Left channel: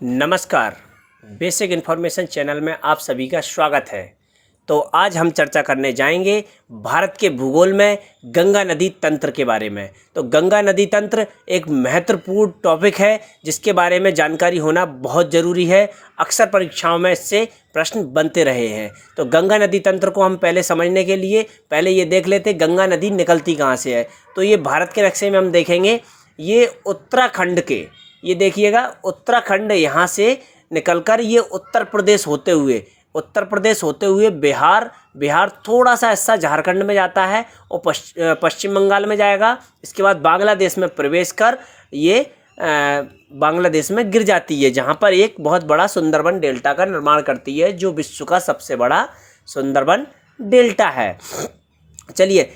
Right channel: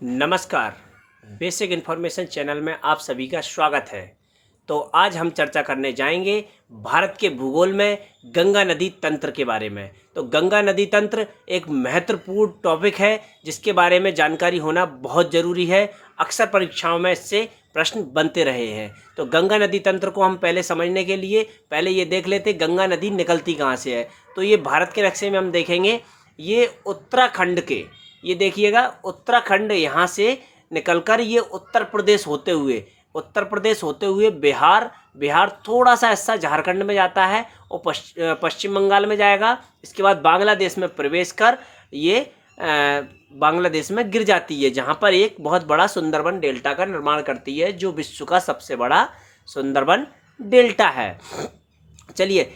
नमस्कार। Basic information channel में आप सभी का स्वागत है। तो आज हम चर्चा करने जाएंगे भारत के भूगोल में गंगा नदी तंत्र के बारे में। तो गंगा नदी तंत्र एक महत्वपूर्ण टॉपिक है जिसके बारे में जानकारी होना बहुत ज़रूरी है। अक्सर परीक्षाओं में इससे प्रश्न बनते रहे हैं। तो गंगा नदी तंत्र को हम पहले समझने के लिए पहले ये देख लेते गंगा नदी निकलती कहाँ से है। तो ये भारत के नक्शे में हम देखेंगे, ये उत्तराखंड के, ये देखिएगा उत्तराखंड यहाँ से निकलकर ये उत्तर प्रदेश होते हुए बिहार थोड़ा सा हिस्सा झारखंड में जाता है और पश्चिम बंगाल में जाएगा। इसके बाद बांग्लादेश में प्रवेश कर ये बांग्लादेश में गिर जाती है, जहाँ पर एक बहुत बड़ा सुंदरबन डेल्टा का निर्माण करती है, जो विश्व का सबसे बड़ा सुंदरबन डेल्टा है। चलिए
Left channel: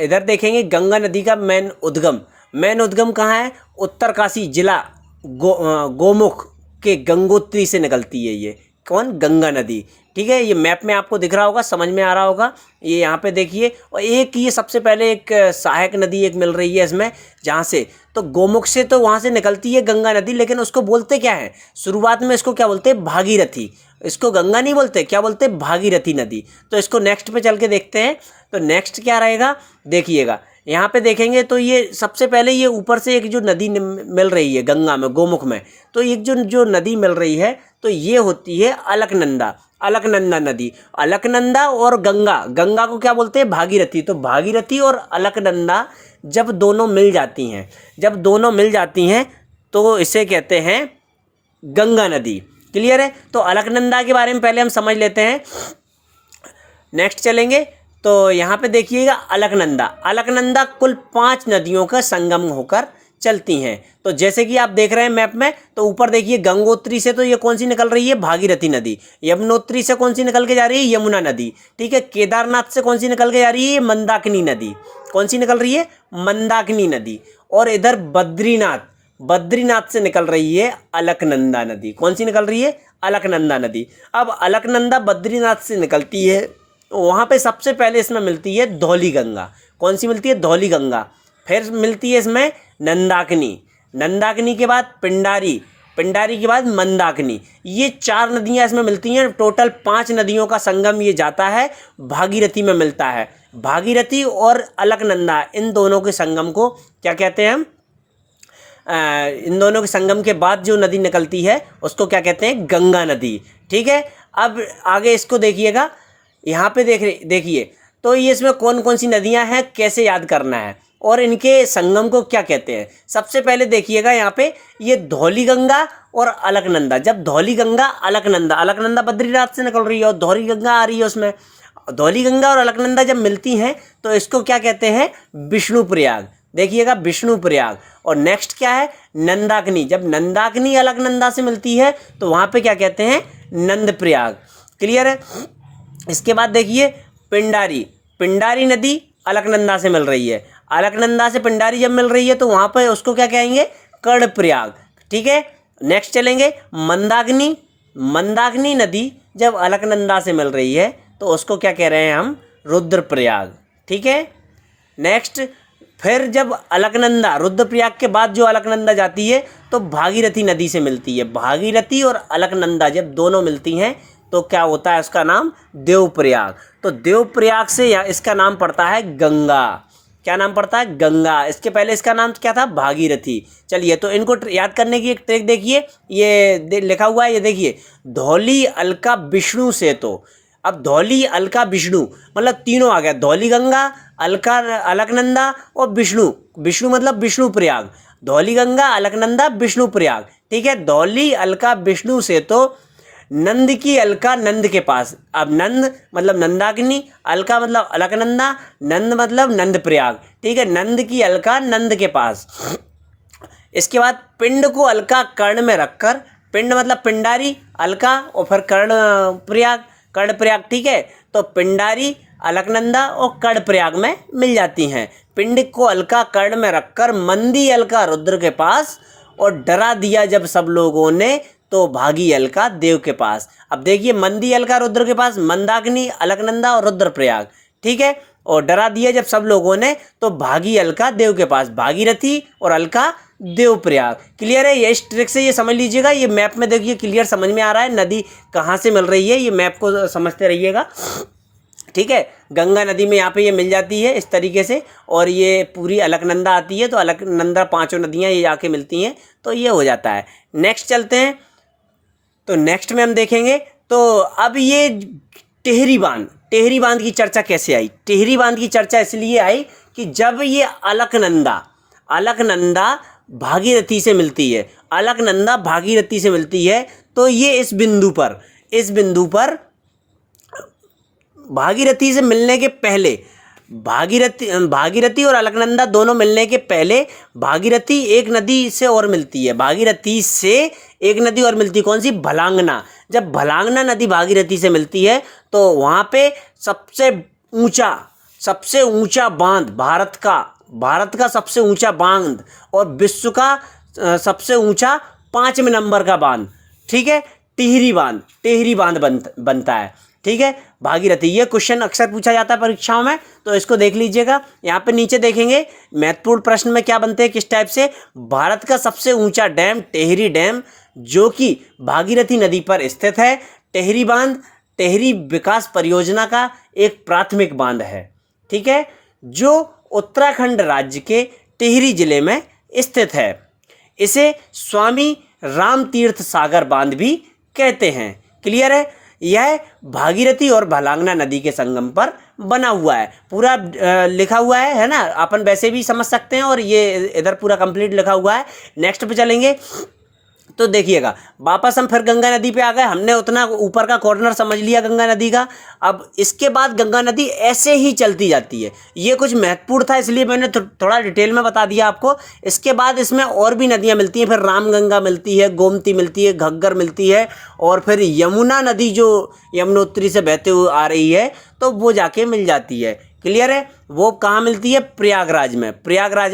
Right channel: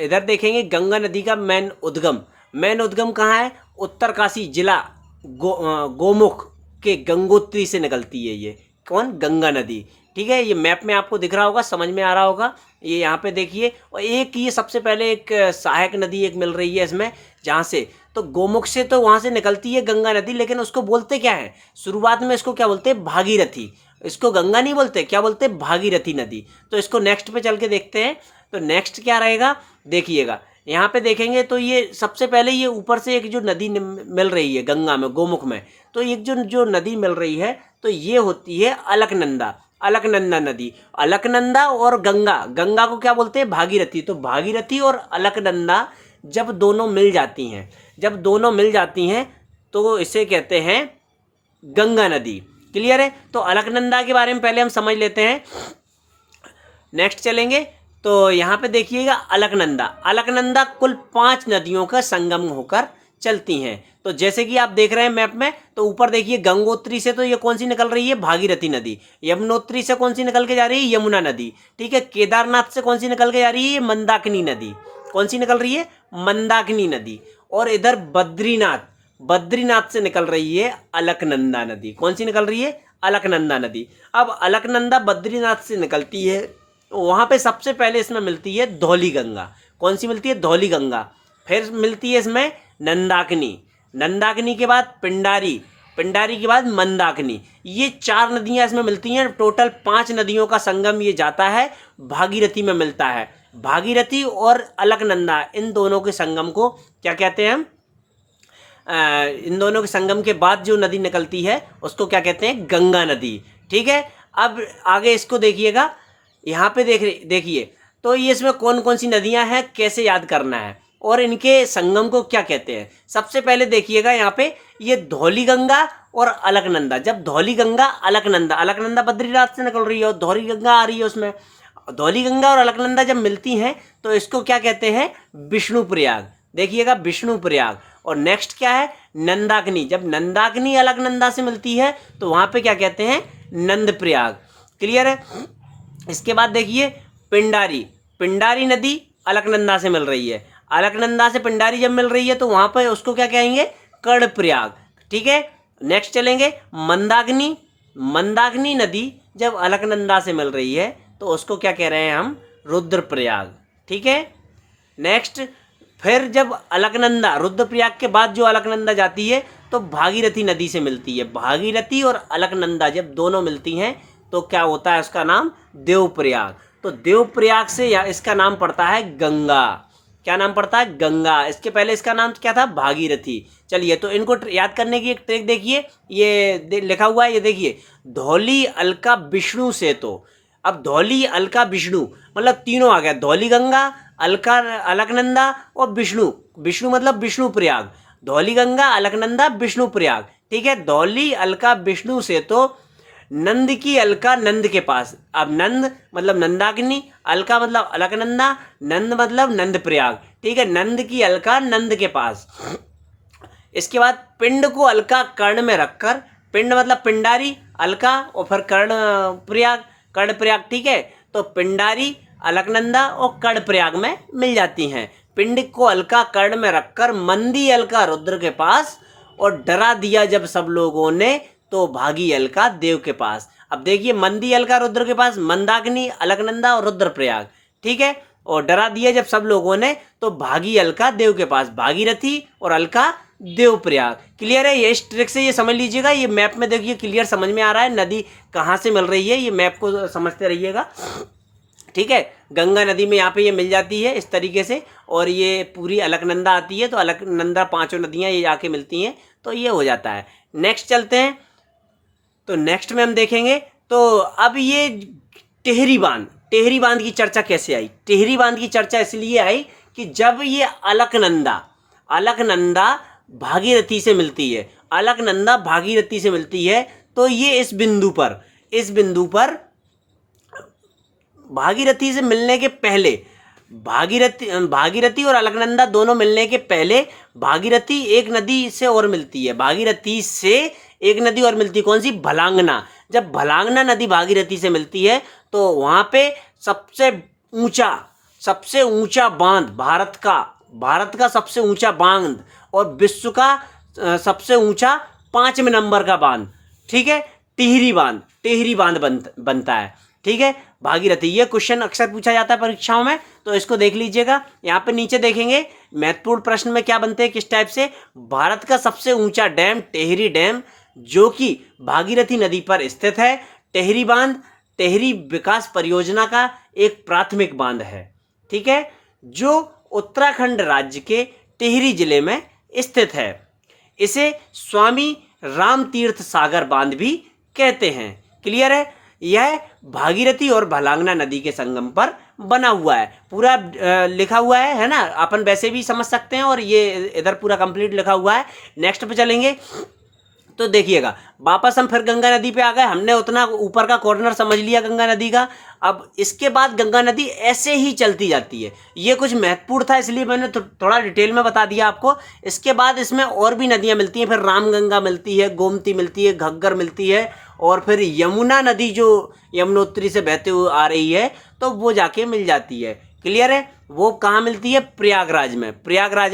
इधर देखेंगे गंगा नदी का मेन उद्गम कहाँ है। उत्तरकाशी जिला गोमुख के गंगोत्री से निकलती है। ये कौन? गंगा नदी। ठीक है, ये मैप में आपको दिख रहा होगा, समझ में आ रहा होगा। ये यहाँ पे देखिए, और एक ये सबसे पहले एक सहायक नदी एक मिल रही है इसमें, जहाँ से तो गोमुख से तो वहाँ से निकलती है गंगा नदी, लेकिन उसको बोलते क्या है शुरुआत में? इसको क्या बोलते हैं? भागीरथी। इसको गंगा नहीं बोलते, क्या बोलते? भागीरथी नदी। तो इसको नेक्स्ट पे चल के देखते हैं। तो नेक्स्ट क्या रहेगा देखिएगा, यहाँ पे देखेंगे तो ये सबसे पहले ये ऊपर से एक जो नदी मिल रही है गंगा में, गोमुख में, तो एक जो नदी मिल रही है तो ये होती है अलकनंदा नदी। अलकनंदा और गंगा को क्या बोलते हैं? भागीरथी। तो भागीरथी और अलकनंदा जब दोनों मिल जाती हैं तो इसे कहते हैं गंगा नदी। क्लियर है? तो अलकनंदा के बारे में पहले हम समझ लेते हैं। नेक्स्ट चलेंगे तो यहाँ पे देखिएगा अलकनंदा कुल 5 नदियों का संगम होकर चलती हैं। तो जैसे कि आप देख रहे हैं मैप में, तो ऊपर देखिए गंगोत्री से तो ये कौन सी निकल रही है? भागीरथी नदी। यमुनोत्री से कौन सी निकल के जा रही है? यमुना नदी। ठीक है, केदारनाथ से कौन सी निकल के जा रही है? मंदाकिनी नदी। कौन सी निकल रही है? मंदाकिनी नदी। और इधर बद्रीनाथ से निकल रही है अलकनंदा नदी। कौन सी निकल रही है? अलकनंदा नदी। अब अलकनंदा बद्रीनाथ से निकलती है, वहाँ पे सबसे पहले इसमें मिलती है धौली गंगा। कौन सी मिलती है? धौली गंगा। फिर मिलती है इसमें नंदाकिनी के बाद पिंडारी के बाद मंदाकिनी। ये 4 नदियाँ इसमें मिलती हैं। टोटल 5 नदियों का संगम ये जाता है, भागीरथी में मिलता है। भागीरथी और अलकनंदा, इन दोनों के संगम को क्या कहते हैं हम? इन दोनों के संगम के बाद जो नदी निकलती है उसको क्या कहते हैं? गंगा नदी। ठीक है, अब आगे इसको देखिएगा, यहाँ पे देखिए तो ये इसमें कौन कौन सी नदियाँ हैं, कैसे याद करना है और इनके संगम को क्या कहते हैं। सबसे पहले देखिएगा यहाँ पे ये धौली गंगा और अलकनंदा। जब धौली गंगा अलकनंदा बद्रीनाथ से निकल रही है और धौली गंगा आ रही है, उसमें धौली गंगा और अलकनंदा जब मिलती हैं तो इसको क्या कहते हैं? विष्णुप्रयाग। देखिएगा विष्णुप्रयाग। और नेक्स्ट क्या है? नंदाकिनी। जब नंदाकिनी अलकनंदा से मिलती है तो वहाँ पे क्या कहते हैं? नंदप्रयाग। क्लियर है? इसके बाद देखिए पिंडारी नदी अलकनंदा से मिल रही है। अलकनंदा से पिंडारी जब मिल रही है तो वहाँ पर उसको क्या कहेंगे? कर्णप्रयाग। ठीक है, नेक्स्ट चलेंगे मंदाकिनी नदी जब अलकनंदा से मिल रही है तो उसको क्या कह रहे हैं हम? रुद्रप्रयाग। ठीक है, नेक्स्ट फिर जब रुद्रप्रयाग के बाद जो अलकनंदा जाती है तो भागीरथी नदी से मिलती है। भागीरथी और अलकनंदा जब दोनों मिलती हैं तो क्या होता है? उसका नाम देवप्रयाग। तो देवप्रयाग से इसका नाम पड़ता है गंगा। क्या नाम पड़ता है? गंगा। इसके पहले इसका नाम क्या था? भागीरथी। चलिए तो इनको याद करने की एक ट्रिक देखिए, ये लिखा हुआ है, ये देखिए धौली अलका विष्णु से। तो अब धौली अलका विष्णु मतलब तीनों आ गया, धौली गंगा, अलकनंदा और विष्णु मतलब विष्णुप्रयाग। धौली गंगा, अलकनंदा, विष्णुप्रयाग। ठीक है, धौली अलका विष्णु से तो नंद की अलका नंद के पास। अब नंद मतलब नंदाकिनी, अलका मतलब अलकनंदा, नंद मतलब नंदप्रयाग। ठीक है, नंद की अलका नंद के पास। इसके बाद पिंड को अलका कर्ण में रखकर, पिंड मतलब पिंडारी, अलका और फिर कर्णप्रयाग। ठीक है, तो पिंडारी, अलकनंदा और कर्णप्रयाग में मिल जाती हैं। पिंड को अलका कर्ण में रखकर मंदी अलका रुद्र के पास और डरा दिया जब सब लोगों ने तो भागी अलका देव के पास। अब देखिए मंदी अलका रुद्र के पास, मंदाकिनी, अलकनंदा और रुद्रप्रयाग। ठीक है, और डरा दिया जब सब लोगों ने तो भागी अलका देव के पास। भागीरथी और अलका देवप्रयाग। क्लियर है, ये इस ट्रिक से ये समझ लीजिएगा। ये मैप में देखिए क्लियर समझ में आ रहा है नदी कहाँ से मिल रही है, ये मैप को समझते रहिएगा। ठीक है, गंगा नदी में यहाँ पे ये मिल जाती है इस तरीके से, और ये पूरी अलकनंदा आती है, तो अलकनंदा पांचों नदियाँ ये आके मिलती हैं, तो ये हो जाता है। नेक्स्ट चलते हैं, तो नेक्स्ट में हम देखेंगे तो अब ये टिहरी बांध की चर्चा कैसे आई। टिहरी बांध की चर्चा इसलिए आई कि जब ये अलकनंदा भागीरथी से मिलती है, अलकनंदा भागीरथी से मिलती है, तो ये इस बिंदु पर भागीरथी से मिलने के पहले, भागीरथी और अलकनंदा दोनों मिलने के पहले भागीरथी एक नदी से और मिलती है, भागीरथी से एक नदी और मिलती है, कौन सी, भलांगना। जब भलांगना नदी भागीरथी से मिलती है तो वहाँ पे सबसे ऊंचा बांध, भारत का सबसे ऊंचा बांध और विश्व का सबसे ऊंचा 5वें नंबर का बांध, ठीक है, टिहरी बांध बनता है। ठीक है, भागीरथी, ये क्वेश्चन अक्सर पूछा जाता है परीक्षाओं में, तो इसको देख लीजिएगा। यहाँ पे नीचे देखेंगे महत्वपूर्ण प्रश्न में क्या बनते हैं, किस टाइप से। भारत का सबसे ऊंचा डैम टिहरी डैम, जो कि भागीरथी नदी पर स्थित है। टिहरी बांध टिहरी विकास परियोजना का एक प्राथमिक बांध है, ठीक है, जो उत्तराखंड राज्य के टिहरी जिले में स्थित है। इसे स्वामी रामतीर्थ सागर बांध भी कहते हैं। क्लियर है, यह भागीरथी और भलांगना नदी के संगम पर बना हुआ है। पूरा लिखा हुआ है ना, अपन वैसे भी समझ सकते हैं, और ये इधर पूरा कंप्लीट लिखा हुआ है। नेक्स्ट पे चलेंगे तो देखिएगा, वापस हम फिर गंगा नदी पे आ गए। हमने उतना ऊपर का कॉर्नर समझ लिया गंगा नदी का। अब इसके बाद गंगा नदी ऐसे ही चलती जाती है। ये कुछ महत्वपूर्ण था, इसलिए मैंने थोड़ा डिटेल में बता दिया आपको। इसके बाद इसमें और भी नदियाँ मिलती हैं, फिर रामगंगा मिलती है, गोमती मिलती है, घग्गर मिलती है, और फिर यमुना नदी जो यमुनोत्री से बहते हुए आ रही है, तो वो जाके मिल जाती है। क्लियर है, वो कहाँ मिलती है, प्रयागराज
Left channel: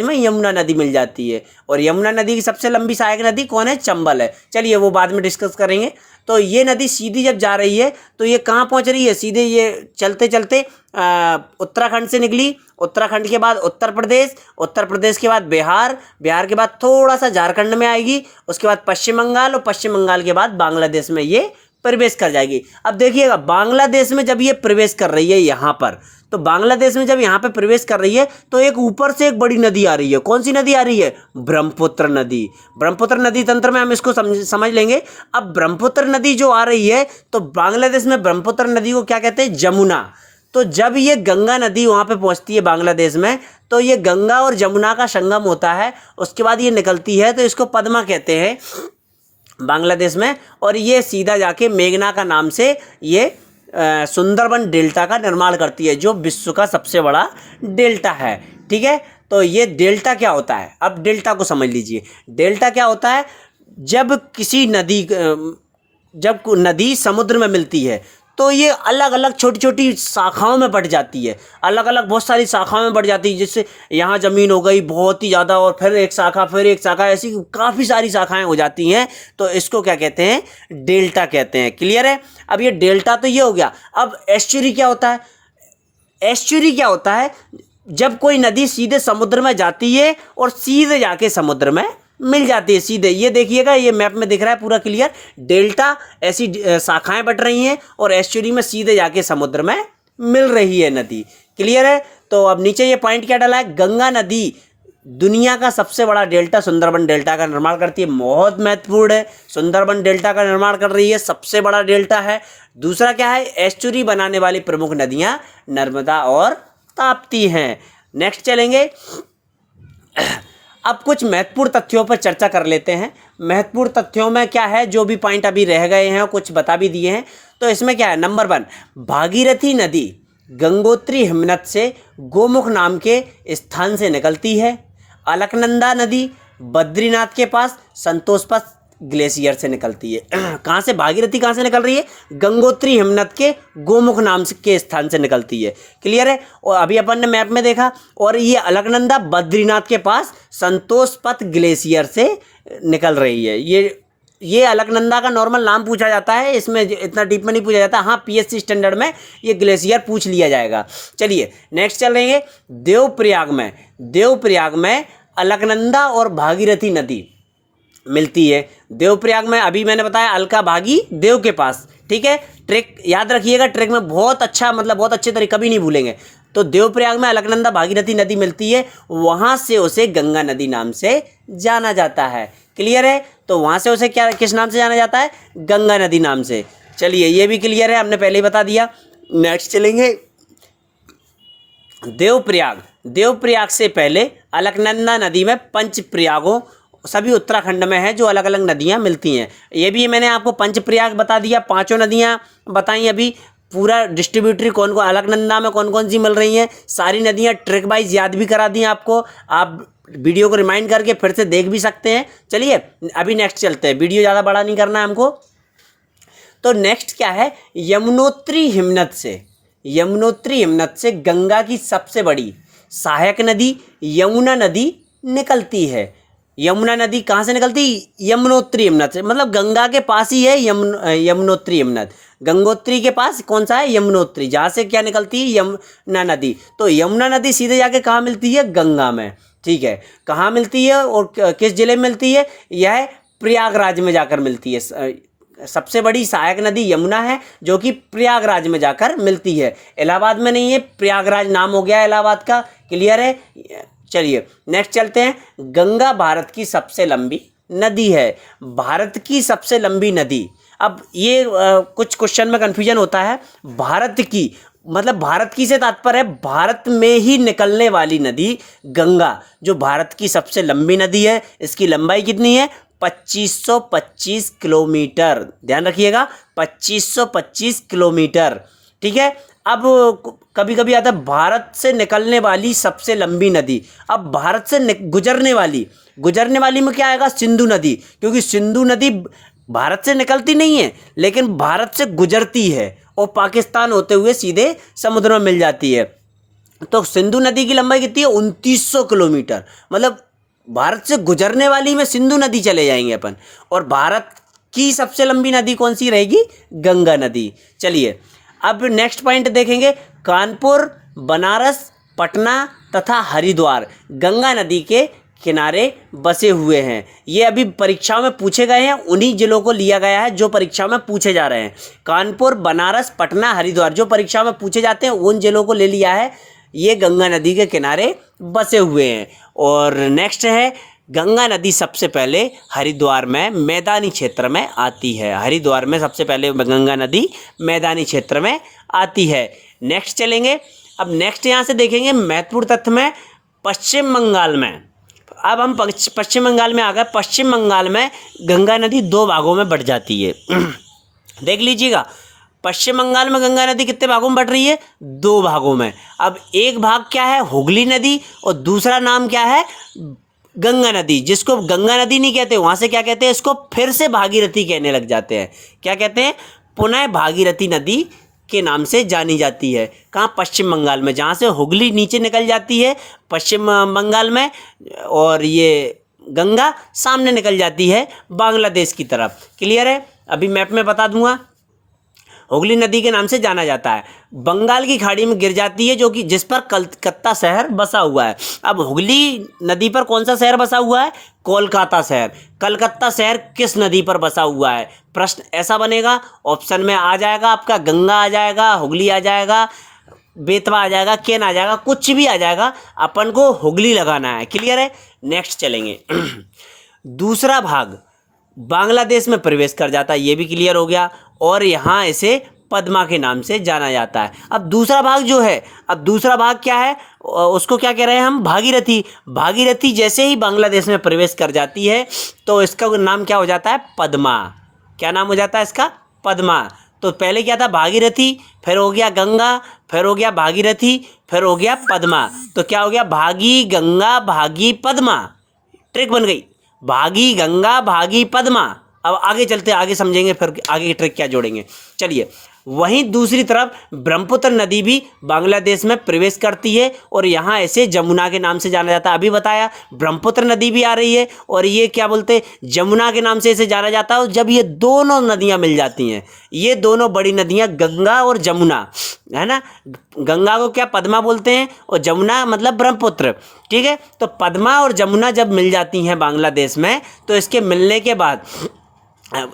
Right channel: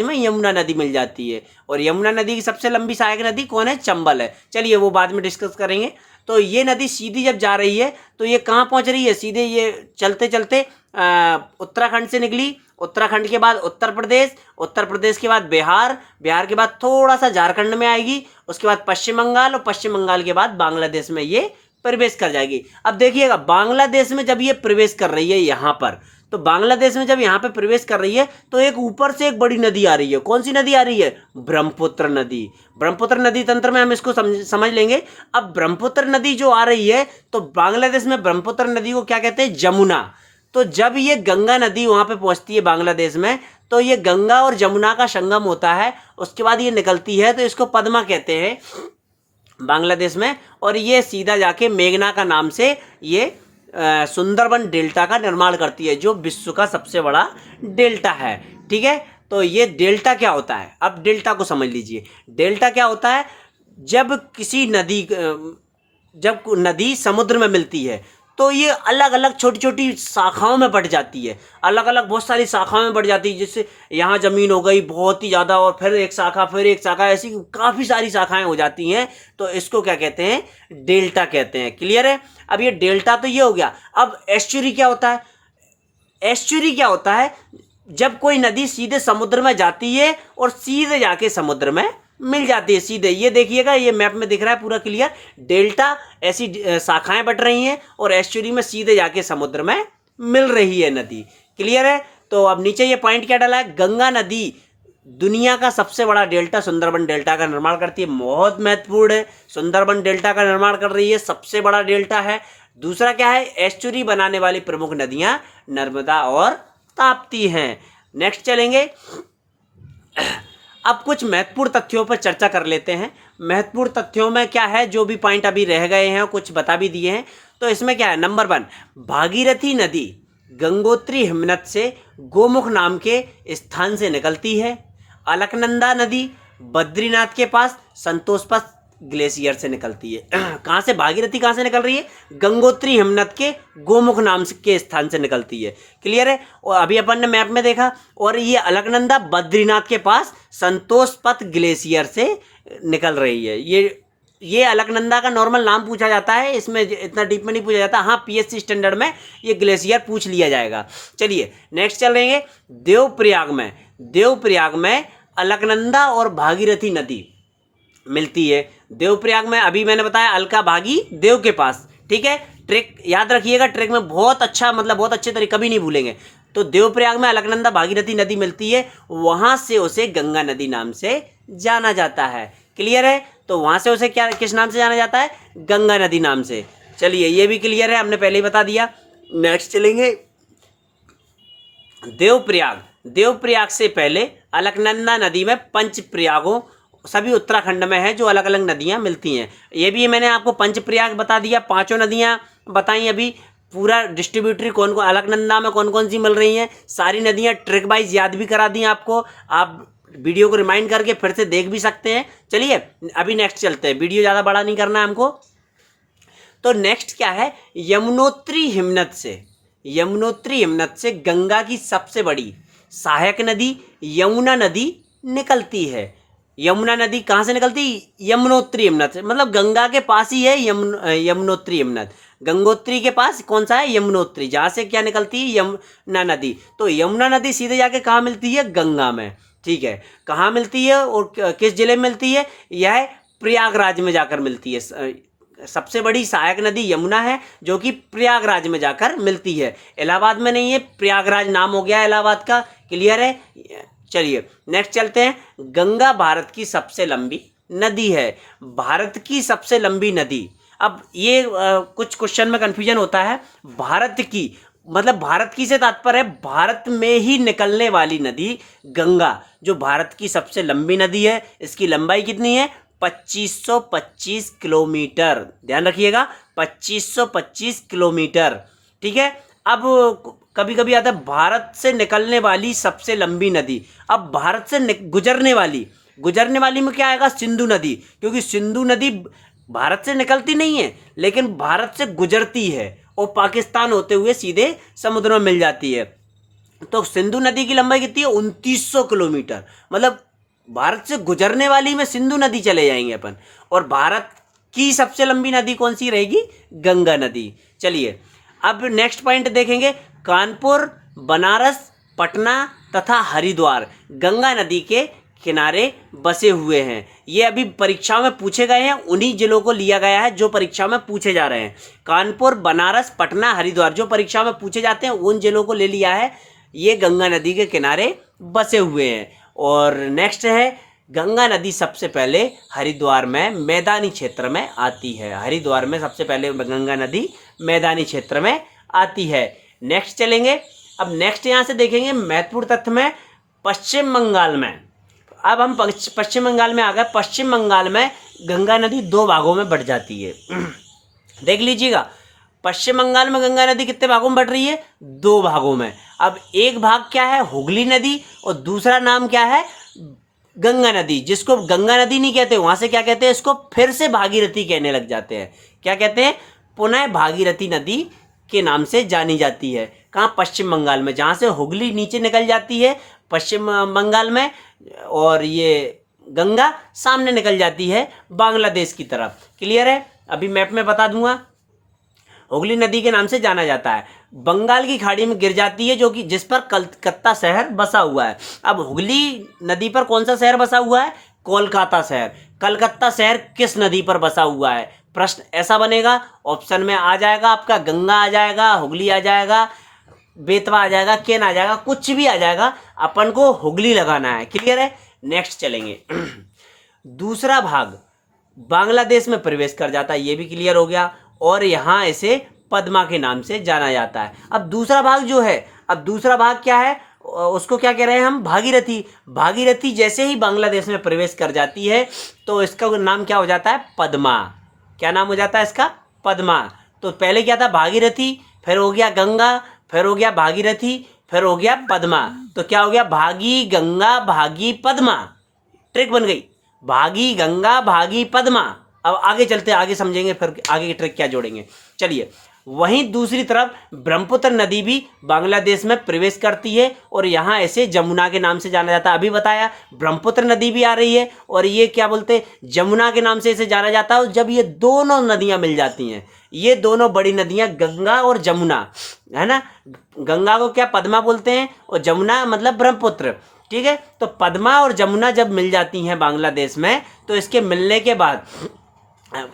में यमुना नदी मिल जाती है। और यमुना नदी की सबसे लंबी सहायक नदी कौन है, चंबल है। चलिए वो बाद में डिस्कस करेंगे। तो ये नदी सीधी जब जा रही है तो ये कहाँ पहुँच रही है, सीधे ये चलते चलते उत्तराखंड से निकली, उत्तराखंड के बाद उत्तर प्रदेश के बाद बिहार के बाद थोड़ा सा झारखंड में आएगी, उसके बाद पश्चिम बंगाल, और पश्चिम बंगाल के बाद बांग्लादेश में ये प्रवेश कर जाएगी। अब देखिएगा, बांग्लादेश में जब ये प्रवेश कर रही है यहाँ पर, तो बांग्लादेश में जब यहाँ पे प्रवेश कर रही है तो एक ऊपर से एक बड़ी नदी आ रही है। कौन सी नदी आ रही है, ब्रह्मपुत्र नदी तंत्र में हम इसको समझ लेंगे। अब ब्रह्मपुत्र नदी जो आ रही है, तो बांग्लादेश में ब्रह्मपुत्र नदी को क्या कहते हैं, जमुना। तो जब ये गंगा नदी वहाँ पे पहुँचती है बांग्लादेश में, तो ये गंगा और जमुना का संगम होता है, उसके बाद ये निकलती है, तो इसको पद्मा कहते हैं बांग्लादेश में। और ये सीधा जाके मेघना का नाम से ये सुंदरबन डेल्टा का निर्माण करती है, जो विश्व का सबसे बड़ा डेल्टा है। ठीक है, तो ये डेल्टा क्या होता है, अब डेल्टा को समझ लीजिए। डेल्टा क्या होता है, जब नदी समुद्र में मिलती है तो ये अलग अलग छोटी छोटी शाखाओं में बढ़ जाती है, अलग अलग बहुत सारी शाखाओं में बढ़ जाती है। जैसे यहाँ ज़मीन हो गई बहुत ही ज़्यादा, और फिर एक शाखा, ऐसी काफ़ी सारी शाखाएं हो जाती हैं, तो इसको क्या कहते हैं, डेल्टा कहते हैं। क्लियर है, अब ये डेल्टा तो ये हो गया। अब एस्चुरी क्या होता है, जब कोई नदी सीधे समुद्र में जाती है और सीधे जाके समुद्र में मिल जाती है सीधे। ये देखिएगा, ये मैप में दिख रहा है पूरा क्लियर। डेल्टा ऐसी शाखाएं बढ़ रही हैं, और एस्चुरी में सीधे जाके समुद्र में मिल रही है नदी। क्लियर है, तो अब नीचे ये पॉइंट क्या डाला है, गंगा नदी दुनिया का सबसे बड़ा डेल्टा सुंदरबन डेल्टा का निर्माण करती है। बहुत महत्वपूर्ण है, सुंदरबन डेल्टा का निर्माण कर रही है, सबसे बड़ा डेल्टा है। दूसरा क्या है, एस्चुरी बनाने वाली प्रमुख नदियाँ नर्मदा और ताप्ती हैं। नेक्स्ट चलेंगे, अब कुछ महत्वपूर्ण तथ्यों पर चर्चा कर लेते हैं। महत्वपूर्ण तथ्यों में क्या है, जो भी पॉइंट अभी रह गए हैं कुछ बता भी दिए हैं। तो इसमें क्या है, नंबर 1, भागीरथी नदी गंगोत्री हिमनद से गोमुख नाम के स्थान से निकलती है। अलकनंदा नदी बद्रीनाथ के पास संतोषपथ ग्लेशियर से निकलती है। कहाँ से, भागीरथी कहाँ से निकल रही है, गंगोत्री हिमनद के गोमुख नाम के स्थान से निकलती है। क्लियर है, और अभी अपन ने मैप में देखा। और ये अलकनंदा बद्रीनाथ के पास संतोषपथ ग्लेशियर से निकल रही है। ये अलकनंदा का नॉर्मल नाम पूछा जाता है, इसमें इतना डीप में नहीं पूछा जाता। हाँ, पीएससी स्टैंडर्ड में ये ग्लेशियर पूछ लिया जाएगा। चलिए नेक्स्ट चल रही है, देवप्रयाग में अलकनंदा और भागीरथी नदी मिलती है देवप्रयाग में। अभी मैंने बताया अलका भागी देव के पास, ठीक है। ट्रैक याद रखिएगा, ट्रैक में बहुत अच्छा, मतलब बहुत अच्छे तरीके, कभी नहीं भूलेंगे। तो देवप्रयाग में अलकनंदा भागीरथी नदी मिलती है, वहाँ से उसे गंगा नदी नाम से जाना जाता है। क्लियर है? तो वहाँ से उसे क्या, किस नाम से जाना जाता है? गंगा नदी नाम से। चलिए ये भी क्लियर है, हमने पहले ही बता दिया। नेक्स्ट चलेंगे देवप्रयाग। देवप्रयाग से पहले अलकनंदा नदी में पंचप्रयागों, सभी उत्तराखंड में है जो अलग अलग नदियाँ मिलती हैं। ये भी मैंने आपको पंचप्रयाग बता दिया, पांचों नदियाँ बताई। अभी पूरा डिस्ट्रीब्यूटरी कौन कौन, अलकनंदा में कौन कौन सी मिल रही हैं, सारी नदियाँ ट्रिक वाइज याद भी करा दी आपको। आप वीडियो को रिमाइंड करके फिर से देख भी सकते हैं। चलिए अभी नेक्स्ट चलते हैं, वीडियो ज़्यादा बड़ा नहीं करना है हमको। तो नेक्स्ट क्या है, यमुनोत्री हिमनद से, यमुनोत्री हिमनद से गंगा की सबसे बड़ी सहायक नदी यमुना नदी निकलती है। यमुना नदी कहाँ से निकलती? यमुनोत्री हिमनद से, मतलब गंगा के पास ही है यमुनोत्री हिमनद। गंगोत्री के पास कौन सा है? यमुनोत्री, जहाँ से क्या निकलती है? यमुना नदी। तो यमुना नदी सीधे जाके कहाँ मिलती है? गंगा में, ठीक है। कहाँ मिलती है और किस जिले में मिलती है? यह प्रयागराज में जाकर मिलती है। सबसे बड़ी सहायक नदी यमुना है जो कि प्रयागराज में जाकर मिलती है, इलाहाबाद में नहीं है। प्रयागराज नाम हो गया इलाहाबाद का। क्लियर है? चलिए नेक्स्ट चलते हैं। गंगा भारत की सबसे लंबी नदी है। भारत की सबसे लंबी नदी, अब ये कुछ क्वेश्चन में कन्फ्यूजन होता है। भारत की मतलब भारत की से तात्पर्य है भारत में ही निकलने वाली नदी गंगा, जो भारत की सबसे लंबी नदी है। इसकी लंबाई कितनी है? 2525 किलोमीटर। ध्यान रखिएगा, 2525 किलोमीटर, ठीक है। अब कभी कभी आता है भारत से निकलने वाली सबसे लंबी नदी। अब भारत से गुजरने वाली में क्या आएगा? सिंधु नदी, क्योंकि सिंधु नदी भारत से निकलती नहीं है लेकिन भारत से गुजरती है और पाकिस्तान होते हुए सीधे समुद्र में मिल जाती है। तो सिंधु नदी की लंबाई कितनी है? 2900 किलोमीटर। मतलब भारत से गुजरने वाली में सिंधु नदी चले जाएंगे अपन। और भारत की सबसे लंबी नदी कौन सी रहेगी? गंगा नदी। चलिए अब नेक्स्ट पॉइंट देखेंगे। कानपुर, बनारस, पटना तथा हरिद्वार गंगा नदी के किनारे बसे हुए हैं। ये अभी परीक्षा में पूछे गए हैं, उन्हीं जिलों को लिया गया है जो परीक्षा में पूछे जा रहे हैं। कानपुर, बनारस, पटना, हरिद्वार जो परीक्षा में पूछे जाते हैं उन जिलों को ले लिया है। ये गंगा नदी के किनारे बसे हुए हैं। और नेक्स्ट है, गंगा नदी सबसे पहले हरिद्वार में मैदानी क्षेत्र में आती है। हरिद्वार में सबसे पहले गंगा नदी मैदानी क्षेत्र में आती है। नेक्स्ट चलेंगे। अब नेक्स्ट यहाँ से देखेंगे महत्वपूर्ण तथ्य में पश्चिम बंगाल में। अब हम पश्चिम बंगाल में आ गए। पश्चिम बंगाल में गंगा नदी 2 भागों में बढ़ जाती है। देख लीजिएगा, पश्चिम बंगाल में गंगा नदी कितने भागों में बढ़ रही है? 2 भागों में। अब एक भाग क्या है? हुगली नदी, और दूसरा नाम क्या है? गंगा नदी, जिसको गंगा नदी नहीं कहते, वहाँ से क्या कहते हैं? इसको फिर से भागीरथी कहने लग जाते हैं। क्या कहते हैं? पुनः भागीरथी नदी के नाम से जानी जाती है। कहाँ? पश्चिम बंगाल में, जहाँ से हुगली नीचे निकल जाती है पश्चिम बंगाल में, और ये गंगा सामने निकल जाती है बांग्लादेश की तरफ। क्लियर है? अभी मैप में बता दूंगा। हुगली नदी के नाम से जाना जाता है। बंगाल की खाड़ी में गिर जाती है, जो कि जिस पर कलकत्ता शहर बसा हुआ है। अब हुगली नदी पर कौन सा शहर बसा हुआ है? कोलकाता शहर। कलकत्ता शहर किस नदी पर बसा हुआ है? प्रश्न ऐसा बनेगा। ऑप्शन में आ जाएगा आपका गंगा आ जाएगा, हुगली आ जाएगा, बेतवा आ जाएगा, केन आ जाएगा, कुछ भी आ जाएगा, अपन को हुगली लगाना है। क्लियर है? नेक्स्ट चलेंगे। दूसरा भाग बांग्लादेश में प्रवेश कर जाता है, ये भी क्लियर हो गया। और यहाँ इसे पद्मा के नाम से जाना जाता है। अब दूसरा भाग जो है, अब दूसरा भाग क्या है? उसको क्या कह रहे हैं हम? भागीरथी। भागीरथी जैसे ही बांग्लादेश में प्रवेश कर जाती है तो इसका नाम क्या हो जाता है? पद्मा। क्या नाम हो जाता है इसका? पद्मा। तो पहले क्या था? भागीरथी, फिर हो गया गंगा, फिर हो गया भागीरथी, फिर हो गया पद्मा। तो क्या हो गया? भागी गंगा भागी पद्मा। ट्रिक बन गई, भागी गंगा भागी पद्मा। अब आगे चलते, आगे समझेंगे, फिर आगे की ट्रिक क्या जोड़ेंगे। चलिए वहीं दूसरी तरफ ब्रह्मपुत्र नदी भी बांग्लादेश में प्रवेश करती है और यहाँ ऐसे जमुना के नाम से जाना जाता है। अभी बताया ब्रह्मपुत्र नदी भी आ रही है और ये क्या बोलते हैं, जमुना के नाम से इसे जाना जाता है। और जब ये दोनों नदियाँ मिल जाती हैं, ये दोनों बड़ी नदियाँ गंगा और जमुना, है ना, गंगा को क्या पद्मा बोलते हैं और जमुना मतलब ब्रह्मपुत्र, ठीक है। तो पद्मा और जमुना जब मिल जाती हैं बांग्लादेश में, तो इसके मिलने के बाद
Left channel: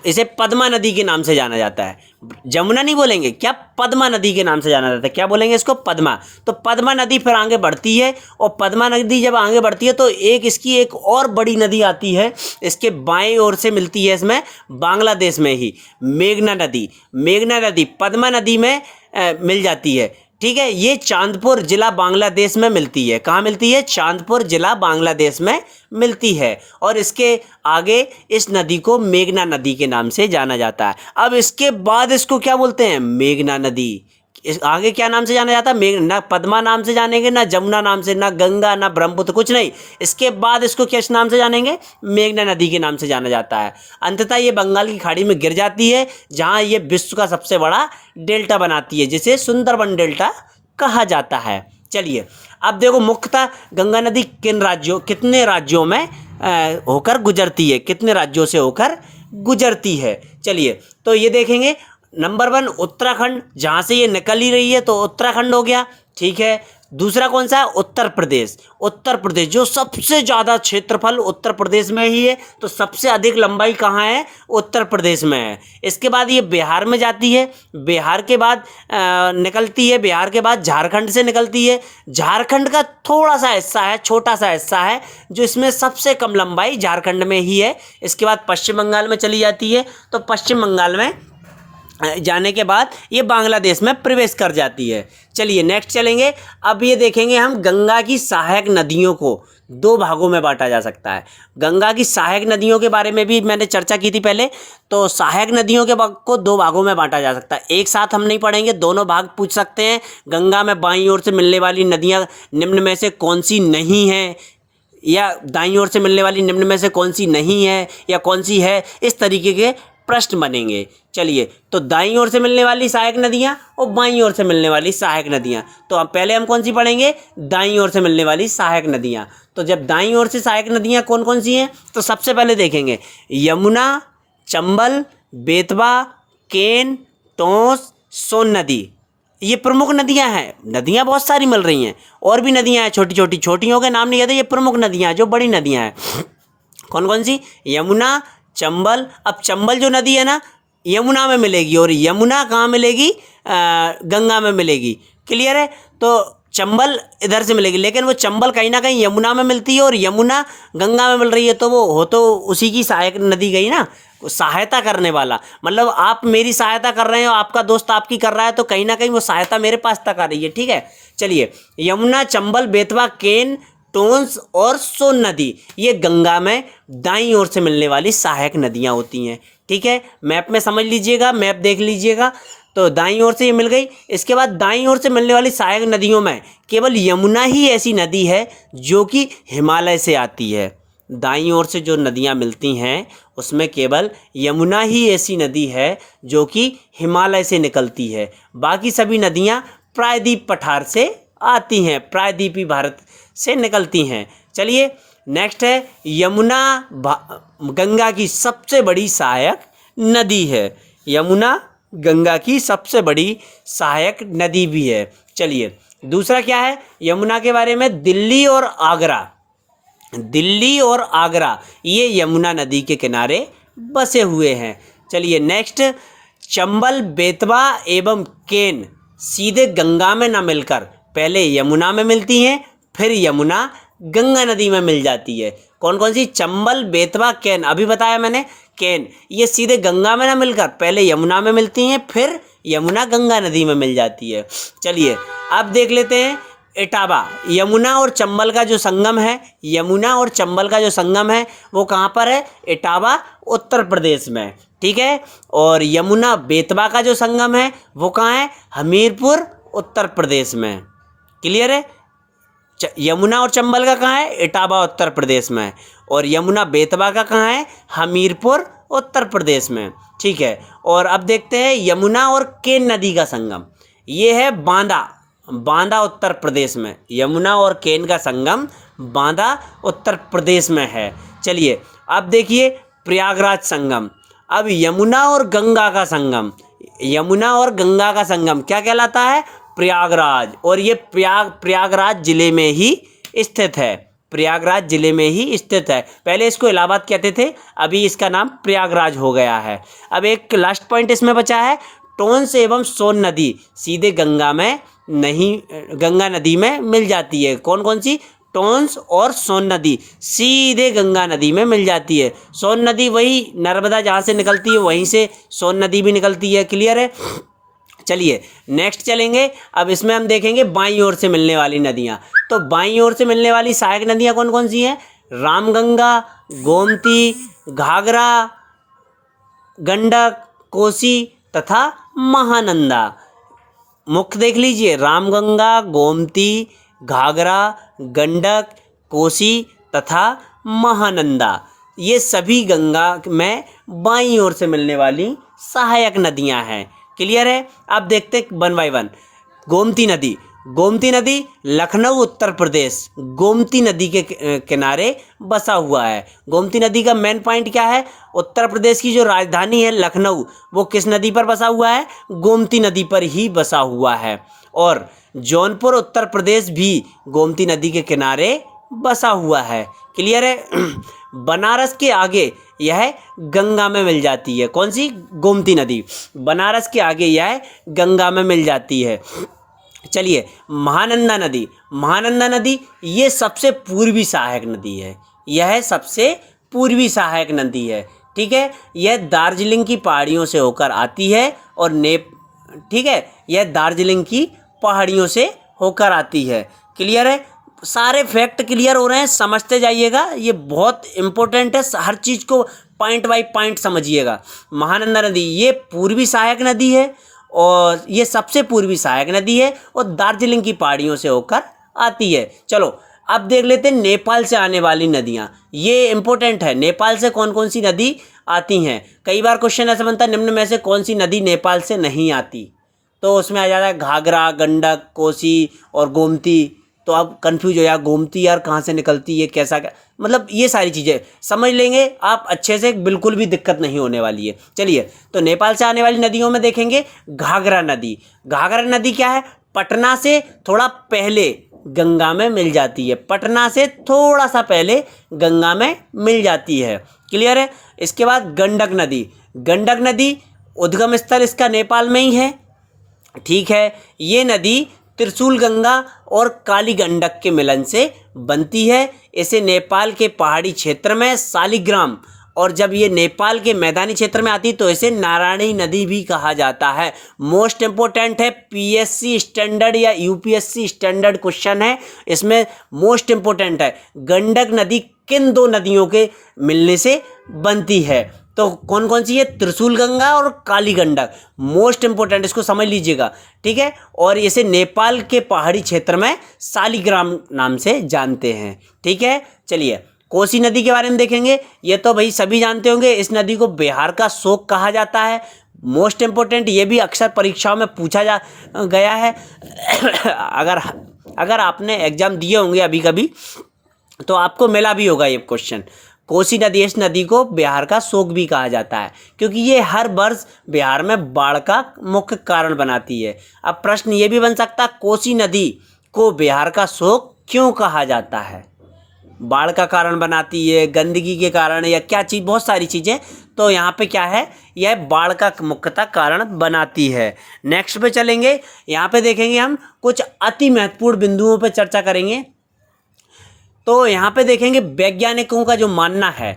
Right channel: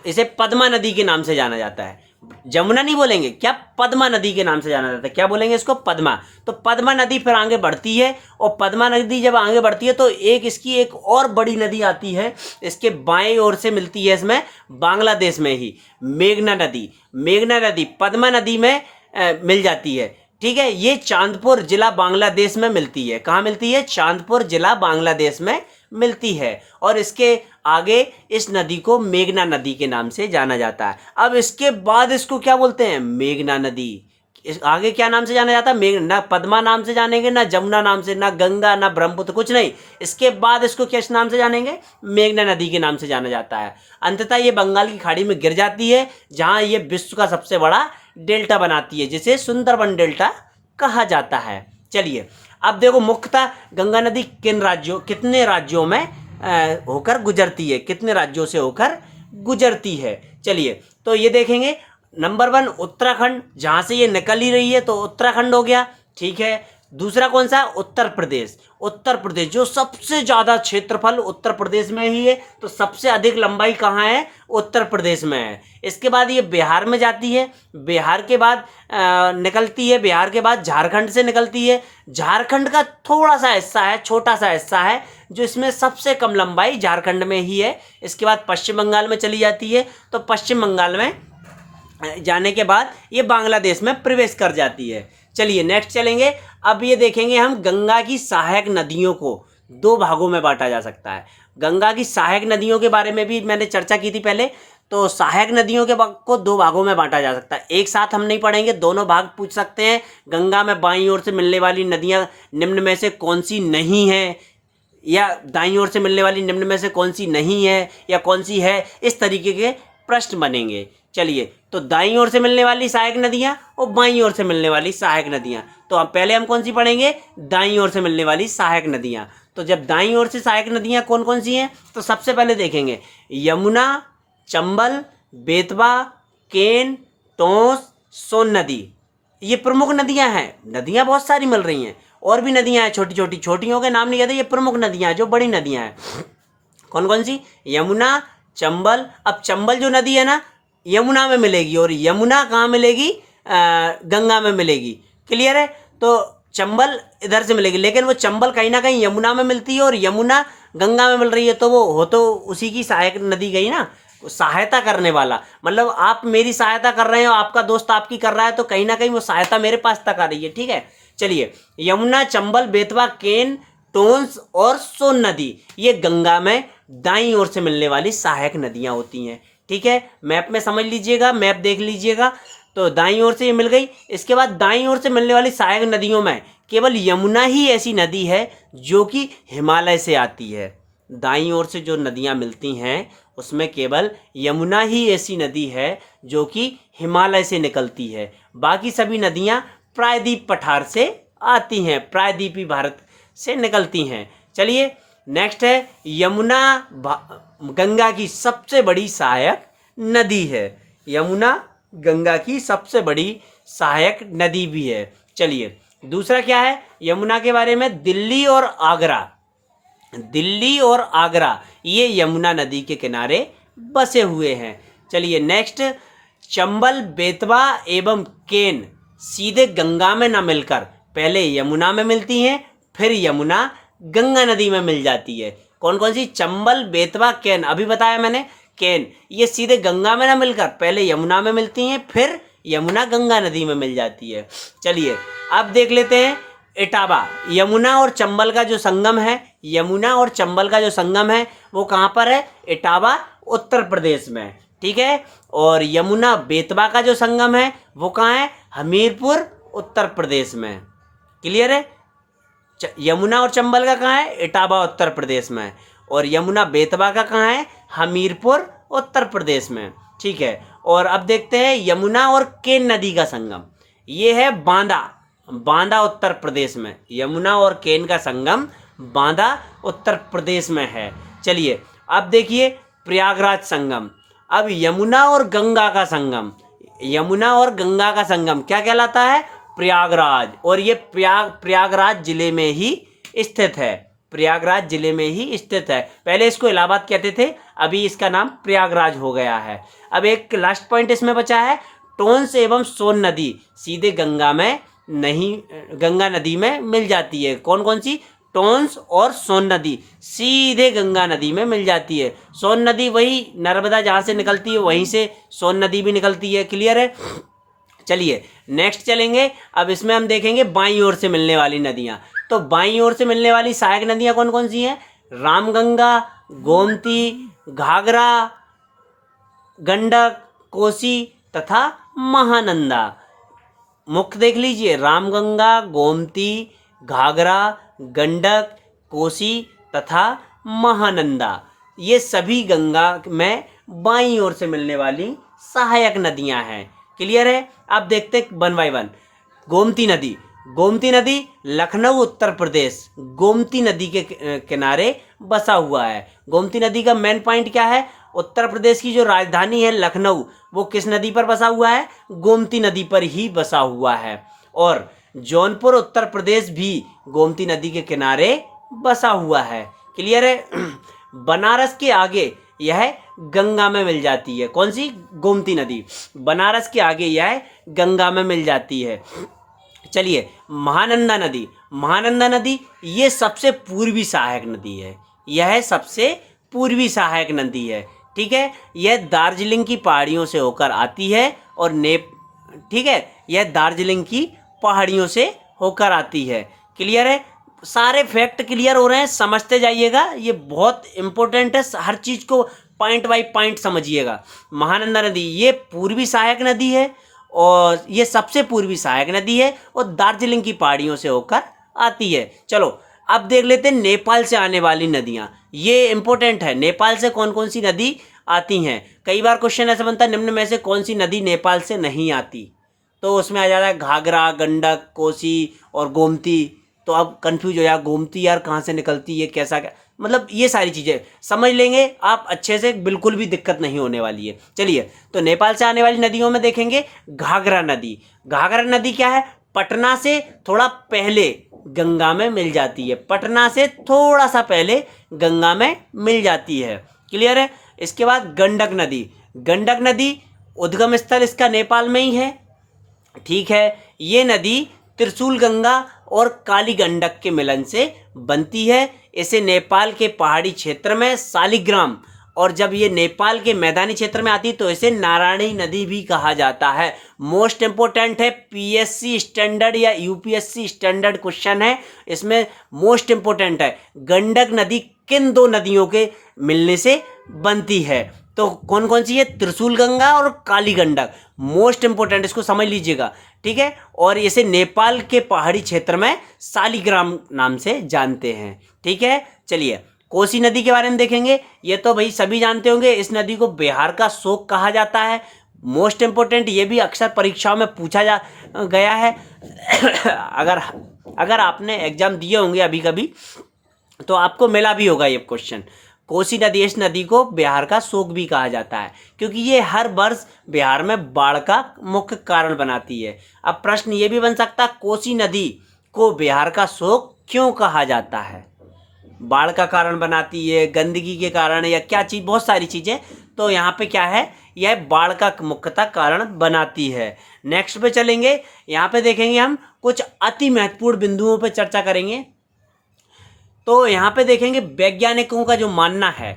इसे पद्मा नदी के नाम से जाना जाता है। जमुना नहीं बोलेंगे, क्या पद्मा नदी के नाम से जाना जाता है, क्या बोलेंगे इसको, पद्मा। तो पद्मा नदी फिर आगे बढ़ती है और पद्मा नदी जब आगे बढ़ती है तो इसकी एक और बड़ी नदी आती है, इसके बाएं ओर से मिलती है इसमें, बांग्लादेश में ही, मेघना नदी। मेघना नदी पद्मा नदी में मिल जाती है, ठीक है। ये चांदपुर जिला बांग्लादेश में मिलती है। कहाँ मिलती है, चांदपुर जिला बांग्लादेश में मिलती है। और इसके आगे इस नदी को मेघना नदी के नाम से जाना जाता है। अब इसके बाद इसको क्या बोलते हैं, मेघना नदी। इस आगे क्या नाम से जाना जाता है, मेघ, ना पद्मा नाम से जानेंगे, ना जमुना नाम से, ना गंगा, ना ब्रह्मपुत्र, कुछ नहीं। इसके बाद इसको किस नाम से जानेंगे, मेघना नदी के नाम से जाना जाता है। अंततः ये बंगाल की खाड़ी में गिर जाती है, जहाँ ये विश्व का सबसे बड़ा डेल्टा बनाती है, जिसे सुंदरबन डेल्टा कहा जाता है। चलिए अब देखो, मुख्यतः गंगा नदी कितने राज्यों में होकर गुजरती है, कितने राज्यों से होकर गुजरती है। चलिए तो ये देखेंगे, नंबर 1 उत्तराखंड, जहाँ से ये निकल ही रही है तो उत्तराखंड हो गया, ठीक है। दूसरा कौन सा, उत्तर प्रदेश। उत्तर प्रदेश जो सबसे ज़्यादा क्षेत्रफल उत्तर प्रदेश में ही है, तो सबसे अधिक लंबाई कहाँ है, उत्तर प्रदेश में है। इसके बाद ये बिहार में जाती है, बिहार के बाद निकलती है, बिहार के बाद झारखंड से निकलती है। झारखंड का थोड़ा सा हिस्सा है, छोटा सा हिस्सा है, जो इसमें सबसे कम लंबाई झारखंड में ही है। इसके बाद पश्चिम बंगाल में चली जाती है, तो पश्चिम बंगाल में जाने के बाद ये बांग्लादेश में प्रवेश कर जाती है। चलिए नेक्स्ट चलेंगे। अब ये देखेंगे हम, गंगा की सहायक नदियों को 2 भागों में बांटा जा सकता है। गंगा की सहायक नदियों के बारे में भी मैंने चर्चा की थी पहले। तो सहायक नदियों के भाग को 2 भागों में बांटा जा सकता है। एक साथ हम नहीं पढ़ेंगे, दोनों भाग पूछ सकते हैं। गंगा में बाईं ओर से मिलने वाली नदियाँ निम्न में से कौन सी नहीं है, या दाईं ओर से मिलने वाली निम्न में से कौन सी नहीं है या कौन सी है, इस तरीके के प्रश्न बनेंगे। चलिए तो दाईं ओर से मिलने वाली सहायक नदियाँ और बाईं ओर से मिलने वाली सहायक नदियाँ। तो अब पहले हम कौन सी पढ़ेंगे, दाईं ओर से मिलने वाली सहायक नदियाँ। तो जब दाईं ओर से सहायक नदियाँ कौन कौन सी हैं, तो सबसे पहले देखेंगे यमुना, चंबल, बेतवा, केन, टोंस, सोन नदी। ये प्रमुख नदियाँ हैं। नदियाँ बहुत सारी मिल रही हैं, और भी नदियाँ हैं छोटी छोटी, छोटियों के नाम नहीं कहते, ये प्रमुख नदियाँ हैं जो बड़ी नदियाँ हैं। कौन कौन सी, यमुना, चंबल। अब चंबल जो नदी है ना, यमुना में मिलेगी, और यमुना कहाँ मिलेगी, गंगा में मिलेगी। क्लियर है। तो चंबल इधर से मिलेगी, लेकिन वो चंबल कहीं ना कहीं यमुना में मिलती है और यमुना गंगा में मिल रही है, तो वो हो तो उसी की सहायक नदी गई ना, सहायता करने वाला। मतलब आप मेरी सहायता कर रहे हो, आपका दोस्त आपकी कर रहा है, तो कहीं ना कहीं वो सहायता मेरे पास तक आ रही है, ठीक है। चलिए, यमुना, चंबल, बेतवा, केन, टोंस और सोन नदी, ये गंगा में दाईं ओर से मिलने वाली सहायक नदियाँ होती हैं, ठीक है। मैप में समझ लीजिएगा, मैप देख लीजिएगा। तो दाईं ओर से ये मिल गई। इसके बाद दाईं ओर से मिलने वाली सहायक नदियों में केवल यमुना ही ऐसी नदी है जो कि हिमालय से आती है। दाईं ओर से जो नदियाँ मिलती हैं उसमें केवल यमुना ही ऐसी नदी है जो कि हिमालय से निकलती है। बाकी सभी नदियाँ प्रायद्वीप पठार से आती हैं, प्रायद्वीपी भारत से निकलती हैं। चलिए नेक्स्ट है, यमुना गंगा की सबसे बड़ी सहायक नदी है। यमुना गंगा की सबसे बड़ी सहायक नदी भी है। चलिए दूसरा क्या है यमुना के बारे में, दिल्ली और आगरा। दिल्ली और आगरा ये यमुना नदी के किनारे बसे हुए हैं। चलिए नेक्स्ट, चंबल, बेतवा एवं केन सीधे गंगा में न मिलकर पहले यमुना में मिलती हैं, फिर यमुना गंगा नदी में मिल जाती है। कौन कौन सी, चंबल, बेतवा, केन, अभी बताया मैंने। केन ये सीधे गंगा में ना मिलकर पहले यमुना में मिलती हैं, फिर यमुना गंगा नदी में मिल जाती है। चलिए अब देख लेते हैं इटावा। यमुना और चंबल का जो संगम है, यमुना और चंबल का जो संगम है वो कहाँ पर है, इटावा उत्तर प्रदेश में, ठीक है। और यमुना बेतवा का जो संगम है वो कहाँ है, हमीरपुर उत्तर प्रदेश में। क्लियर है। यमुना और चंबल का कहाँ है, इटावा उत्तर प्रदेश में, और यमुना बेतवा का कहाँ है, हमीरपुर उत्तर प्रदेश में। ठीक है, और अब देखते हैं यमुना और केन नदी का संगम, ये है बांदा, बांदा उत्तर प्रदेश में। यमुना और केन का संगम बांदा उत्तर प्रदेश में है। चलिए अब देखिए प्रयागराज संगम। अब यमुना और गंगा का संगम, यमुना और गंगा का संगम क्या कहलाता है? प्रयागराज। और ये प्रयागराज जिले में ही स्थित है, प्रयागराज जिले में ही स्थित है। पहले इसको इलाहाबाद कहते थे, अभी इसका नाम प्रयागराज हो गया है। अब एक लास्ट पॉइंट इसमें बचा है, टोंस एवं सोन नदी सीधे गंगा में नहीं, गंगा नदी में मिल जाती है। कौन कौन सी? टोंस और सोन नदी सीधे गंगा नदी में मिल जाती है। सोन नदी वही नर्मदा जहाँ से निकलती है वहीं से सोन नदी भी निकलती है। क्लियर है? चलिए नेक्स्ट चलेंगे। अब इसमें हम देखेंगे बाईं ओर से मिलने वाली नदियाँ। तो बाईं ओर से मिलने वाली सहायक नदियाँ कौन कौन सी हैं? रामगंगा, गोमती, घाघरा, गंडक, कोसी तथा महानंदा। मुख्य देख लीजिए, रामगंगा, गोमती, घाघरा, गंडक, कोसी तथा महानंदा, ये सभी गंगा में बाईं ओर से मिलने वाली सहायक नदियां हैं। क्लियर है? अब देखते हैं वन बाय वन। गोमती नदी, गोमती नदी लखनऊ उत्तर प्रदेश गोमती नदी के किनारे बसा हुआ है। गोमती नदी का मेन पॉइंट क्या है? उत्तर प्रदेश की जो राजधानी है लखनऊ, वो किस नदी पर बसा हुआ है? गोमती नदी पर ही बसा हुआ है। और जौनपुर उत्तर प्रदेश भी गोमती नदी के किनारे बसा हुआ है। क्लियर है? बनारस के आगे यह गंगा में मिल जाती है। कौन सी? गोमती नदी। बनारस के आगे यह गंगा में मिल जाती है। चलिए महानंदा नदी, महानंदा नदी ये सबसे पूर्वी सहायक नदी है, यह सबसे पूर्वी सहायक नदी है। ठीक है, यह दार्जिलिंग की पहाड़ियों से होकर आती है और ठीक है, यह दार्जिलिंग की पहाड़ियों से होकर आती है। क्लियर है? सारे फैक्ट क्लियर हो रहे हैं, समझते जाइएगा, ये बहुत इंपॉर्टेंट है, हर चीज़ को पॉइंट बाय पॉइंट समझिएगा। महानंदा नदी ये पूर्वी सहायक नदी है और ये सबसे पूर्वी सहायक नदी है और दार्जिलिंग की पहाड़ियों से होकर आती है। चलो अब देख लेते हैं नेपाल से आने वाली नदियाँ, ये इंपॉर्टेंट है। नेपाल से कौन कौन सी नदी आती हैं? कई बार क्वेश्चन ऐसा बनता है निम्न में से कौन सी नदी नेपाल से नहीं आती, तो उसमें आ जाता है घाघरा, गंडक, कोसी और गोमती। तो अब कंफ्यूज हो जाए, गोमती यार कहाँ से निकलती है, कैसा क्या, मतलब ये सारी चीज़ें समझ लेंगे आप अच्छे से, बिल्कुल भी दिक्कत नहीं होने वाली है। चलिए तो नेपाल से आने वाली नदियों में देखेंगे घाघरा नदी। घाघरा नदी क्या है? पटना से थोड़ा पहले गंगा में मिल जाती है, पटना से थोड़ा सा पहले गंगा में मिल जाती है। क्लियर है? इसके बाद गंडक नदी, गंडक नदी उद्गम स्थल इसका नेपाल में ही है। ठीक है, ये नदी त्रिशूल गंगा और काली गंडक के मिलन से बनती है। इसे नेपाल के पहाड़ी क्षेत्र में शालिग्राम, और जब ये नेपाल के मैदानी क्षेत्र में आती तो इसे नारायणी नदी भी कहा जाता है। मोस्ट इम्पोर्टेंट है, पीएससी स्टैंडर्ड या यूपीएससी स्टैंडर्ड क्वेश्चन है, इसमें मोस्ट इम्पोर्टेंट है गंडक नदी किन दो नदियों के मिलने से बनती है? तो कौन कौन सी है? त्रिशूल गंगा और काली गंडक। मोस्ट इंपोर्टेंट, इसको समझ लीजिएगा। ठीक है, और इसे नेपाल के पहाड़ी क्षेत्र में शालिग्राम नाम से जानते हैं। ठीक है, चलिए कोसी नदी के बारे में देखेंगे। ये तो भाई सभी जानते होंगे, इस नदी को बिहार का शोक कहा जाता है। मोस्ट इम्पोर्टेंट, ये भी अक्सर परीक्षाओं में पूछा गया है। अगर आपने एग्जाम दिए होंगे अभी कभी तो आपको मिला भी होगा ये क्वेश्चन। कोसी नदी, इस नदी को बिहार का शोक भी कहा जाता है क्योंकि ये हर वर्ष बिहार में बाढ़ का मुख्य कारण बनाती है। अब प्रश्न ये भी बन सकता है, कोसी नदी को बिहार का शोक क्यों कहा जाता है? बाढ़ का कारण बनाती है, गंदगी के कारण, या क्या चीज़, बहुत सारी चीज़ें। तो यहाँ पे क्या है, यह बाढ़ का मुख्यतः कारण बनाती है। नेक्स्ट पे चलेंगे, यहाँ पे देखेंगे हम कुछ अति महत्वपूर्ण बिंदुओं पे चर्चा करेंगे। तो यहाँ पे देखेंगे वैज्ञानिकों का जो मानना है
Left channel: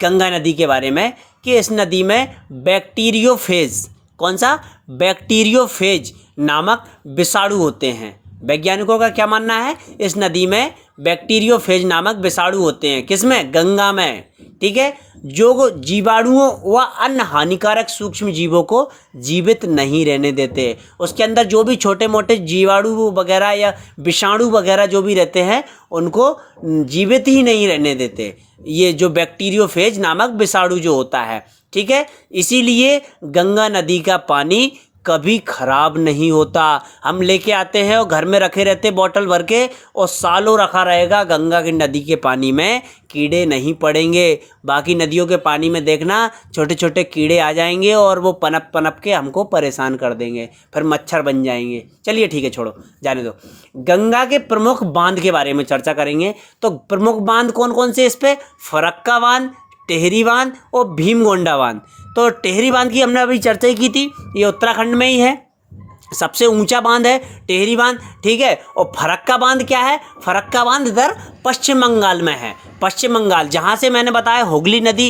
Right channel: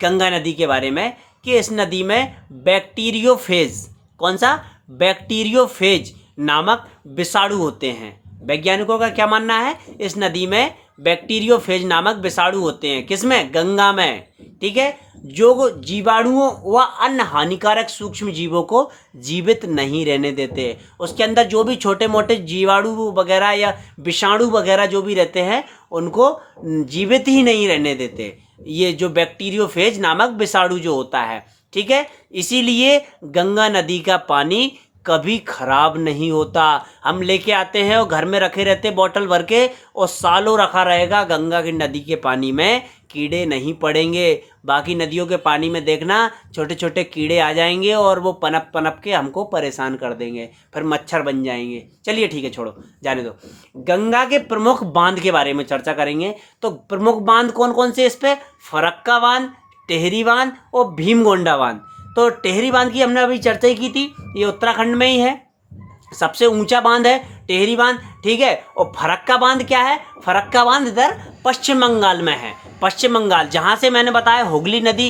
गंगा नदी के बारे में कि इस नदी में बैक्टीरियोफेज, कौन सा? बैक्टीरियोफेज नामक विषाणु होते हैं। वैज्ञानिकों का क्या मानना है? इस नदी में बैक्टीरियोफेज नामक विषाणु होते हैं। किसमें? गंगा में। ठीक है, जो जीवाणुओं व अन्य हानिकारक सूक्ष्म जीवों को जीवित नहीं रहने देते। उसके अंदर जो भी छोटे मोटे जीवाणु वगैरह या विषाणु वगैरह जो भी रहते हैं उनको जीवित ही नहीं रहने देते, ये जो बैक्टीरियोफेज नामक विषाणु जो होता है। ठीक है। इसीलिए गंगा नदी का पानी कभी खराब नहीं होता। हम लेके आते हैं और घर में रखे रहते बोतल भर के, और सालों रखा रहेगा, गंगा की नदी के पानी में कीड़े नहीं पड़ेंगे। बाकी नदियों के पानी में देखना छोटे छोटे कीड़े आ जाएंगे और वो पनप पनप के हमको परेशान कर देंगे, फिर मच्छर बन जाएंगे। चलिए ठीक है, छोड़ो, जाने दो। गंगा के प्रमुख बांध के बारे में चर्चा करेंगे। तो प्रमुख बांध कौन कौन से इस पे? फरक्का बांध, टेहरी बांध और भीमगोंडा बांध। तो टेहरी बांध की हमने अभी चर्चा ही की थी, ये उत्तराखंड में ही है, सबसे ऊंचा बांध है टेहरी बांध, ठीक है। और फरक्का बांध क्या है? फरक्का बांध इधर पश्चिम बंगाल में है, पश्चिम बंगाल, जहाँ से मैंने बताया हुगली नदी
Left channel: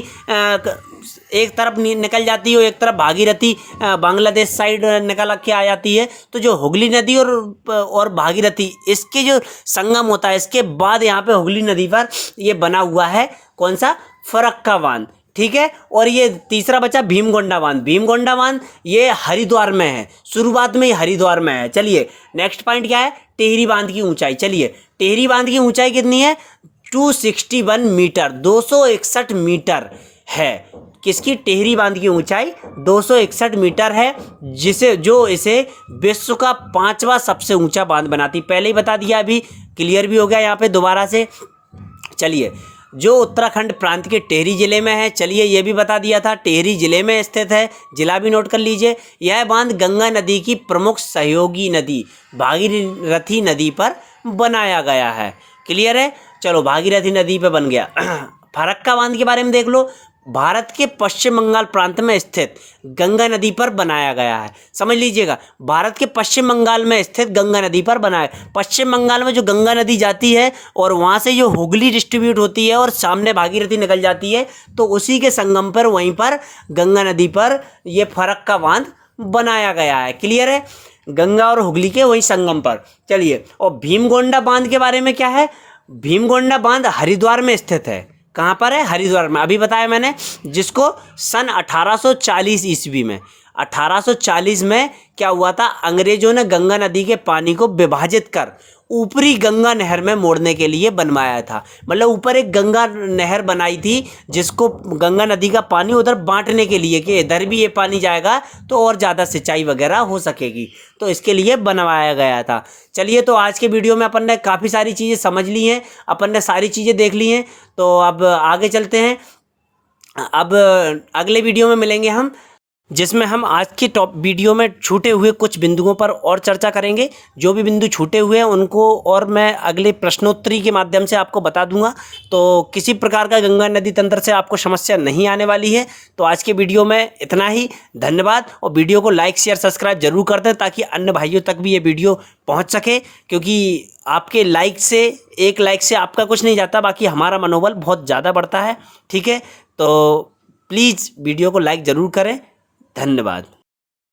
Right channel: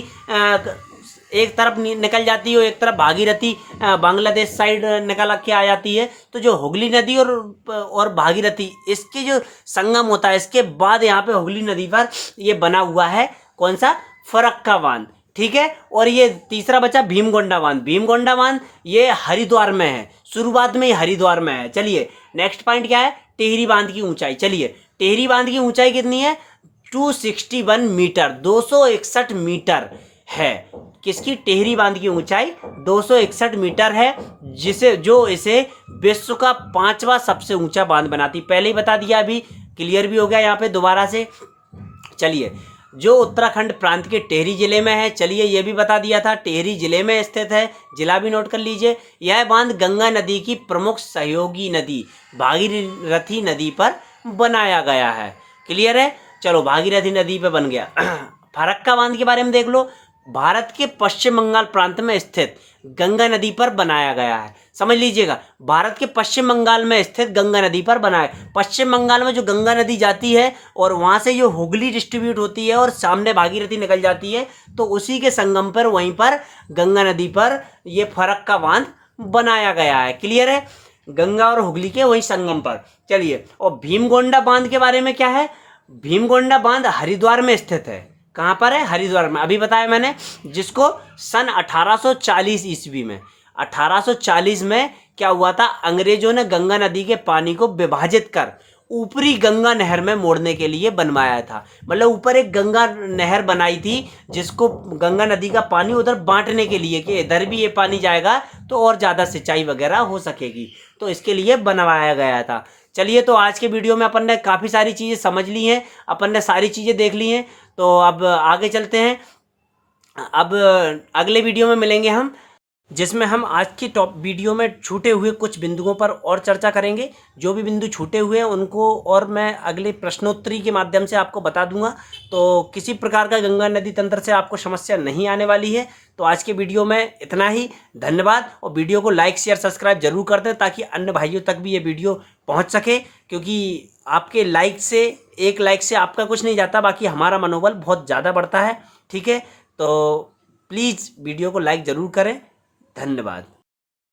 एक तरफ निकल जाती है, एक तरफ भागीरथी बांग्लादेश साइड निकल के आ जाती है। तो जो हुगली नदी और भागीरथी, इसके जो संगम होता है, इसके बाद यहाँ पे हुगली नदी पर ये बना हुआ है कौन सा? फरक्का बांध, ठीक है। और ये तीसरा बचा भीमगोंडा बांध। भीमगोंडा बांध ये हरिद्वार में है, शुरुआत में ही हरिद्वार में है। चलिए नेक्स्ट पॉइंट क्या है? टेहरी बांध की ऊंचाई। चलिए टेहरी बांध की ऊंचाई कितनी है? 261 मीटर, 261 मीटर है। किसकी? टेहरी बांध की ऊंचाई 261 मीटर है, जो इसे विश्व का 5वां सबसे ऊंचा बांध बनाती। पहले ही बता दिया, अभी क्लियर भी हो गया यहाँ पे दोबारा से। चलिए, जो उत्तराखंड प्रांत के टेहरी जिले में है, चलिए ये भी बता दिया था, टेहरी जिले में स्थित है, जिला भी नोट कर लीजिए। यह बांध गंगा नदी की प्रमुख सहयोगी नदी भागीरथी नदी पर बनाया गया है। क्लियर है? चलो, भागीरथी नदी पे बन गया। फरक्का बांध के बारे में देख लो। भारत के पश्चिम बंगाल प्रांत में स्थित गंगा नदी पर बनाया गया है। समझ लीजिएगा, भारत के पश्चिम बंगाल में स्थित गंगा नदी पर बनाया। पश्चिम बंगाल में जो गंगा नदी जाती है और वहाँ से जो हुगली डिस्ट्रीब्यूट होती है और सामने भागीरथी निकल जाती है, तो उसी के संगम पर, वहीं पर गंगा नदी पर ये फरक्का बांध बनाया गया है। क्लियर है? गंगा और हुगली के वही संगम पर। चलिए, और भीमगोंडा बांध के बारे में क्या है? भीमगोंडा बांध हरिद्वार में स्थित है। कहाँ पर है? हरिद्वार में। अभी बताया मैंने, जिसको सन 1840 ईस्वी में, 1840 में क्या हुआ था? अंग्रेजों ने गंगा नदी के पानी को विभाजित कर ऊपरी गंगा नहर में मोड़ने के लिए बनवाया था। मतलब ऊपर एक गंगा नहर बनाई थी, जिसको गंगा नदी का पानी उधर बांटने के लिए, कि इधर भी ये पानी जाएगा तो और ज़्यादा सिंचाई वगैरह हो सकेगी, तो इसके लिए बनवाया गया था। चलिए, तो आज के वीडियो में अपन ने काफ़ी सारी चीज़ें समझ ली हैं, अपन ने सारी चीज़ें देख ली हैं। तो अब आगे चलते हैं। अब अगले वीडियो में मिलेंगे हम, जिसमें हम आज की वीडियो में छूटे हुए कुछ बिंदुओं पर और चर्चा करेंगे। जो भी बिंदु छूटे हुए हैं उनको और मैं अगले प्रश्नोत्तरी के माध्यम से आपको बता दूंगा। तो किसी प्रकार का गंगा नदी तंत्र से आपको समस्या नहीं आने वाली है। तो आज के वीडियो में इतना ही। धन्यवाद। और वीडियो को लाइक, शेयर, सब्सक्राइब जरूर कर दें, ताकि अन्य भाइयों तक भी ये वीडियो पहुँच सके। क्योंकि आपके लाइक से, एक लाइक से आपका कुछ नहीं जाता, बाकी हमारा मनोबल बहुत ज़्यादा बढ़ता है। ठीक है, तो प्लीज़ वीडियो को लाइक ज़रूर करें। धन्यवाद।